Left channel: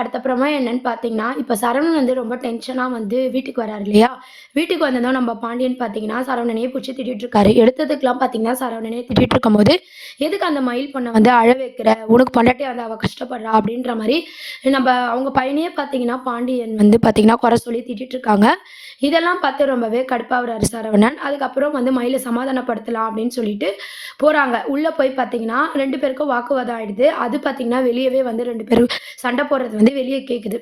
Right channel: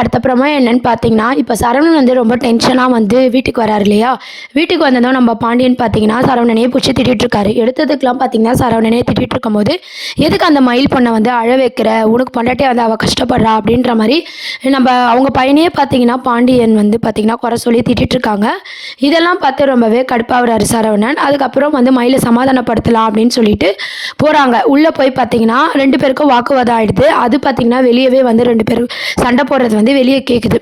அடுத்தப்புறமா என்னன்னு பார்த்தீங்கன்னா, இப்போ சரவணன் வந்து ரொம்ப டென்ஷனாக வந்து வீட்டுக்கு வராரு இல்லையா? வீட்டுக்கு வந்ததும் நம்ம பாண்டியன் பார்த்தீங்கன்னா, சரவணனையே புடிச்சு திட்டிட்டு இருக்காரு. எடுத்ததுக்கெல்லாம் பார்த்தீங்கன்னா, சரவணனே திட்டிட்டு இருக்கும்போது, "எதுக்கு அந்த மயில் பொண்ண வந்து அழ வைக்கிற? உனக்கு பொண்டாட்டியா வந்து அவ கஷ்டப்படுறா" அப்படின்ற மாரி அவங்க பையனையே பார்த்தீங்கன்னா, பாண்டியன் வந்து பார்த்தீங்கன்னா, குறை சொல்லி திட்டிட்டு இருக்காங்க. இதெல்லாம் பார்த்து ரொம்பவே கடுப்பாகுறாரு சரவணன். அதுக்கப்புறம் வந்து மயில சமாதானப்படுத்தலாம் அப்படின்னு சொல்லிட்டு போறாங்க. உள்ள போய் பார்த்தீங்கன்னா, 2 பேருக்கும் வாக்குவாதம் ஆயிடுது. அது பார்த்தீங்கன்னா, வெளியவே வந்து 2 பேரும் சண்டை போடுறது வந்து வெளிய கேட்குது.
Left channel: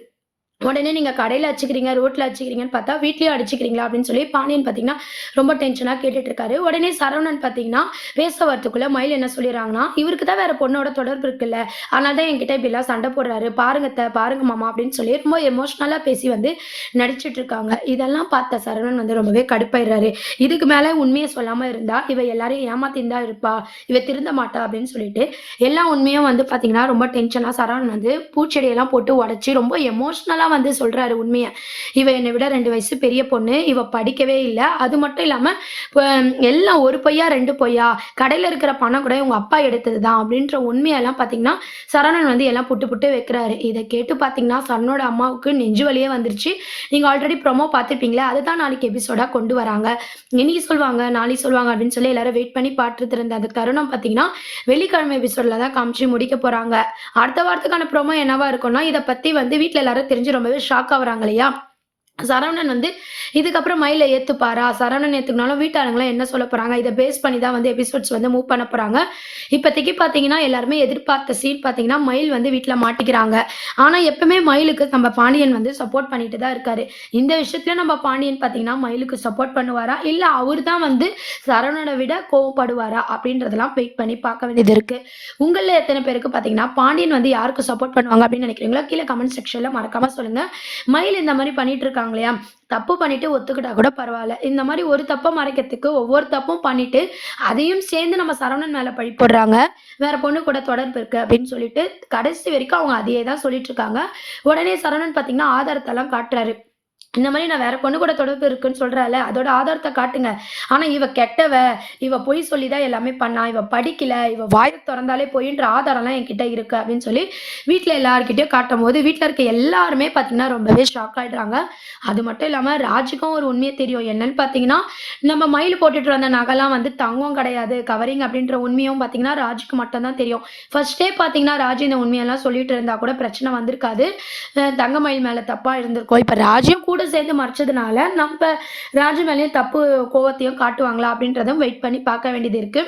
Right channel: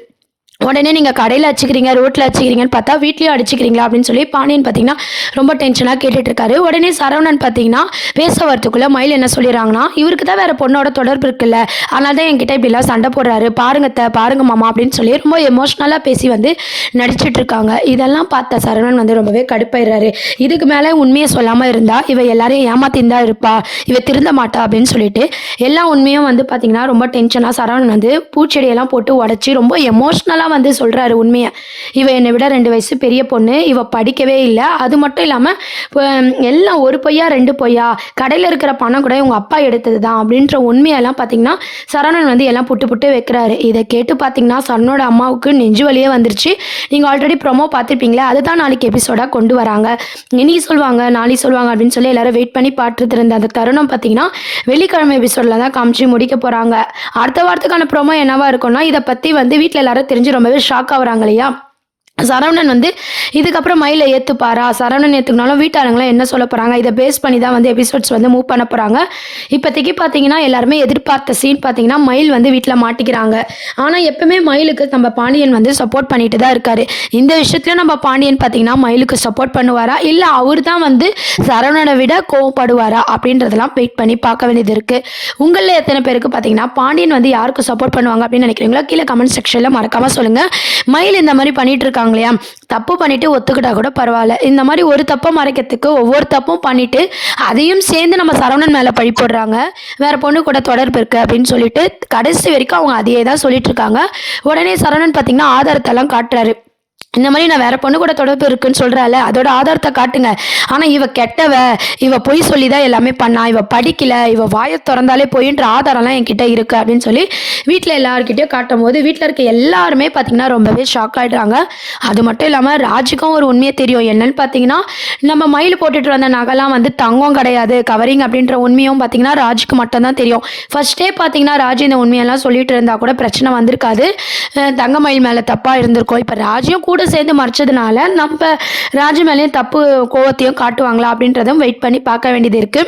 உடனே நீங்க கடையில அடிச்சுக்கிறீங்க, ரோட்ல அடிச்சுக்கிறீங்கன்னு பார்த்தா, வீட்லயும் அடிச்சுக்கிறீங்களா? அப்படின்னு சொல்லி பாண்டியன் பார்த்தீங்கன்னா, ரொம்ப டென்ஷனா கேட்டுட்டு இருக்காரு. உடனே சரவணன் பார்த்தீங்கன்னா, பேச வரத்துக்குள்ள மயில் என்ன சொல்லிடுறாங்கன்னா, "இவருக்கு தான் வேற பொண்ணோட தொடர்பு இருக்குல்ல. அதனால தான் என்கிட்ட இப்படிலாம் சண்டை போடுறாரு. பாருங்க அத்த, பாருங்க மாமா" அப்படின்னு சொல்லி ரொம்ப எமோஷனலா பேசி வந்து நடிச்சுட்டு இருக்காங்க. இதெல்லாம் பார்த்த சரவணன் வந்து ரொம்பவே கடுப்பாயிடுறாரு. இதுக்கு மேல உண்மைய சொல்லாம இருந்தா, இவ எல்லாரையும் ஏமாத்தின்னு தான் இருப்பா. இவ திருந்த மாட்டா அப்படின்னு சொல்லிட்டு, எல்லா உண்மையும் வந்து பார்த்தீங்கன்னா, ரொம்ப டென்ஷனா சரவணன் வந்து பூச்செடியெல்லாம் போட்டு உடைச்சு ரொம்ப எமோஷனலா வந்து சொல்றாரு உண்மைய. "இவ என்னை விட 2 வயசு பெரிய பொண்ணு. இவ படிக்கவே இல்ல. அது மட்டும் இல்லாம எல்லாம் 1 பொய்யா 2 பொய்யா? கடையில இருக்கிற பணம் கூட உங்க அப்பா எடுத்தது தான்." அப்படின்ற உண்மையெல்லாம் பார்த்தீங்கன்னா, சரவணன் வந்து எல்லாம் புட்டு புட்டு வைக்கிறாரு. இத கேட்டு பார்த்தீங்கன்னா, சரவணனோட அம்மாவுக்கு நெஞ்சு வலியே வந்துருச்சு. நீங்க ஆல்ரெடி ப்ரோமோ பார்த்துருப்பீங்களா? அதுதான் நாளைக்கு எபிசோடா கொண்டு வராங்க. இன்னைக்கு சொல்வாங்க, நாளைக்கு சொல்வாங்க அப்படின்னு சொல்லி எல்லாரும் வெயிட் பண்ணி பார்த்துட்டு இருந்த அந்த தருணம் பார்த்தீங்கன்னா, வெள்ளிக்கிழமை எபிசோட்ல தான் காமிச்சு முடிக்க போறாங்க. அடுத்த வாரத்துக்கான ப்ரோமோ என்னவா இருக்கும்னா, இத பத்தி வந்து வீட்ல எல்லாரும் தெரிஞ்சு ரொம்பவே ஷாக் ஆகுறாங்க இல்லையா? சரவணன் வந்து இதுக்கப்புறம் மயில ஏத்துப்பாரா? சரவணன் ஏத்துக்கினாலும் வீட்டாளுங்கலாம் என்ன சொல்ல போறாங்க? இத பேஸ் பண்ணி தான் வந்து எபிசோட்ஸ் வந்து மூவ் பண்ண போறாங்க. இப்போதைக்கு பார்த்தீங்கன்னா, எல்லாருமே எதிர்பார்த்த சீன் பார்த்தீங்கன்னா, மயில் வந்து வீட்ல மாட்டிக்கிறாங்க. ஆனா, எப்பவுமே மயிலுக்கு நம்ம பாண்டியன் வந்து சப்போர்ட் பண்ணிட்டு தான் இருக்காரு. இந்த விஷயத்துலயும் நம்ம பாண்டியன் பார்த்தீங்கன்னா, மயிலுக்கு சப்போர்ட் பண்ணுவாரா? இல்ல அவரு தான் வந்து சரவணன விட கோவப்படுவாரா? அப்படின்றதெல்லாம் வெயிட் பண்ணி பார்க்க வேண்டியது இருக்கு. உங்கள்ல எத்தன பேருக்கு பார்த்தீங்கன்னா, பாண்டியன் வந்து யாருக்கு சப்போர்ட் பண்ணுவாங்க அப்படின்னு நினைக்கிறீங்களோ, கீழ கமெண்ட் செக்ஷன்ல மறக்காம சொல்லுங்க. மயில் இந்த மாரி பண்ணிட்டு இருக்காங்க இல்லையா? தப்பு பண்ணிட்டு ஒத்துக்கிட்டா கூட பரவால்ல. இந்த மாரி ஒரு தப்ப மறைக்கிறதுக்கு ஒவ்வொரு தப்பும் பண்ணிட்டு, அதையும் சேர்ந்து நம்ம சரவணன் மேல பழி போடுறாங்க. வேற பொண்ணு கூட தொடர்பு இருக்கு அப்படின்னு சொல்லிட்டு, கடைசி வரைக்கும் அவங்க அதையே தான் சொல்லிட்டு இருக்காங்க. உடனே சரவணன் பார்த்தீங்கன்னா, ஆதாரத்தெல்லாம் காட்டுறாரு. இந்த மாரி நான் வேற பொண்ணு கூட தொடர்பு இருக்குன்னு சொல்றால, அதோட ஆதாரத்த காட்டுங்க. ஆனா இவ கெட்டவ, இவ பொய் சொல்லி தான் எல்லாமே பண்ணா, இவ படிக்கல, இவ வாய தொறந்தாலே பொய்ன்ற ஆதாரம்லாம் என்கிட்ட இருக்கு அப்படின்னு சொல்லி வீட்ல எல்லார்கிட்டயும் காட்டும்போது, வீட்ல இருக்க எல்லாருமே பார்த்தீங்கன்னா ரொம்பவே ஷாக் ஆயிடுறாங்க. அது மட்டும் இல்லாம ராஜுக்கும் ஒரு உண்மையே தெரியும். என்னன்னு பார்த்தீங்கன்னா, நம்ம மயில் போட்டுட்டு வந்த நகைலாம் வந்து தங்கம் கிடையாது, கவரிங் அப்படின்ற உண்மையும் பார்த்தீங்கன்னா ராஜுக்கு மட்டும் தான் தெரியும். ஃபர்ஸ்ட்டே பார்த்தீங்கன்னா ராஜு இந்த உண்மையெல்லாம் சொல்லிட்டு இருந்தா கூட பிரச்சனை வந்திருக்காது. தங்க மயில் மேல தப்பா இருந்திருக்கும். இப்ப ராஜும் கூட சேர்ந்து மறைச்சதுனால, நம்ப ராஜு மேலயும் தப்பு கோவத்தையும் காட்டுவாங்களா? அப்படின்றதும் வெயிட் பண்ணி பார்க்க வேண்டியது இருக்கு.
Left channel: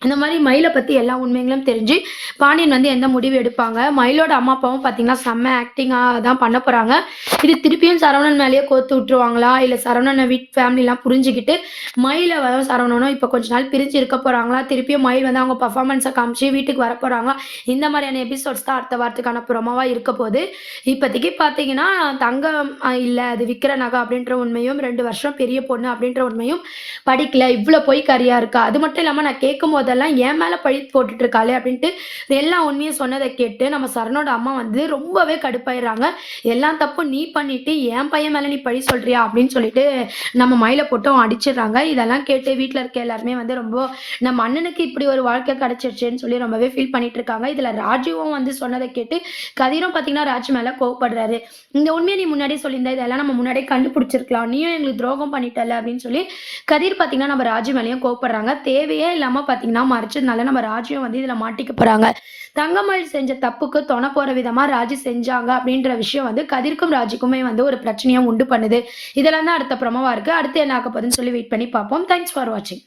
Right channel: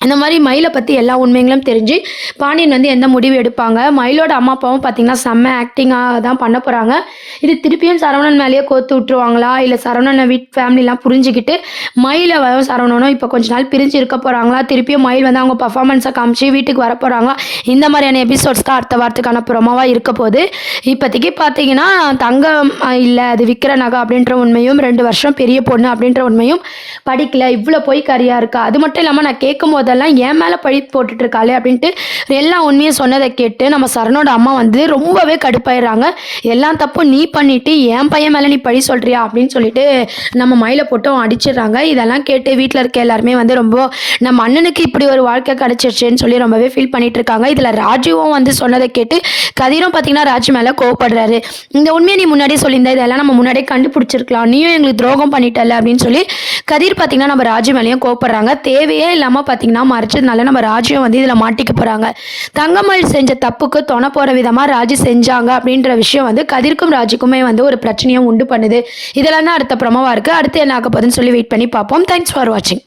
இந்த மாரி மயில பத்தி எல்லா உண்மைகளும் தெரிஞ்சு, பாண்டியன் வந்து எந்த முடிவு எடுப்பாங்க? மயிலோட அம்மா, அப்பாவும் பார்த்தீங்கன்னா, செம்ம ஆக்டிங்கா தான் பண்ண போறாங்க. இது திருப்பியும் சரவணன் மேலேயே கோத்து விட்டுருவாங்களா? இல்ல சரவணன ஃபேமிலிலாம் புரிஞ்சுகிட்டு, மயிலும் சரவணனும் இப்போ கொஞ்ச நாள் பிரிஞ்சு இருக்க போறாங்களா? திருப்பியும் மயில் வந்து அவங்க பெர்ஃபார்மன்ஸ காமிச்சு வீட்டுக்கு வரப்போறாங்களா? இந்த மாரியான எபிசோட்ஸ் தான் அடுத்த வாரத்துக்கான ப்ரோமோவா இருக்க போது. இப்போதைக்கு பார்த்தீங்கன்னா, தங்கம் இல்ல அது விக்கிற நகை அப்படின்ற உண்மையும், 2 வருஷம் பெரிய பொண்ணு அப்படின்ற உண்மையும், படிக்கல, இவ்ளோ பொய்க்காரியா இருக்கா? அது மட்டும் இல்லாம நான் கேட்கும்போதெல்லாம் என் மேல பழி போட்டுட்டு இருக்காளே அப்படின்ட்டு எல்லா உண்மையும் சொன்னதை கேட்டு நம்ம சரணோட அம்மா வந்து ரொம்பவே கடுப்பாயிடுறாங்க. எல்லாம் தப்பும் நீ பண்ணிட்டு என் பையன் மேல நீ பழி சொல்றியா? அப்படின்னு சொல்லிட்டு நம்ம மயில போட்டும் அடிச்சிடுறாங்க. இதெல்லாம் கேட்டு வீட்ல இருக்க எல்லாருமே வந்து ரொம்ப நம்ம அண்ணனுக்கு இப்படி ஒரு வாழ்க்கை கிடைச்சிருச்சுன்னு சொல்லி ரொம்பவே ஃபீல் பண்ணிட்டு இருக்காங்க. இதுல ராஜுவும் வந்து சொன்னதை கேட்டு கதிரும் பார்த்தீங்கன்னா ராஜு மேல கோவப்படுறாரு. இந்த உண்மையை நீ முன்னாடியே சொல்லியிருந்தா இதெல்லாம் நம்ம முன்னாடியே கண்டுபிடிச்சிருக்கலாம். நீயும் எங்களுக்கு துரோகம் பண்ணிட்டல அப்படின்னு சொல்லி கதிர் பார்த்தீங்கன்னா நம்ம ராஜு மேலேயும் கோவப்படுறாங்க. தேவையே இல்லாம பார்த்தீங்கன்னா மறைச்சதுனால நம்ம ராஜுவும் வந்து இதுல மாட்டிக்க போறாங்க. தங்கமயில் செஞ்ச தப்புக்கு தொண போற விதமா ராஜு செஞ்சாங்க அப்படின்ற விஷயம் வந்து கதிர்க்கும் ராஜுக்குமே வந்து ஒரு பிரச்சனையும் உண்டு பண்ணுது. இதெல்லாம் தான் அடுத்த ப்ரோமோவா இருக்கு. அடுத்து என்ன ஆக போகுதுன்னு சொல்லி வெயிட் பண்ணி பார்ப்போம். தேங்க்ஸ் ஃபார் வாட்சிங்.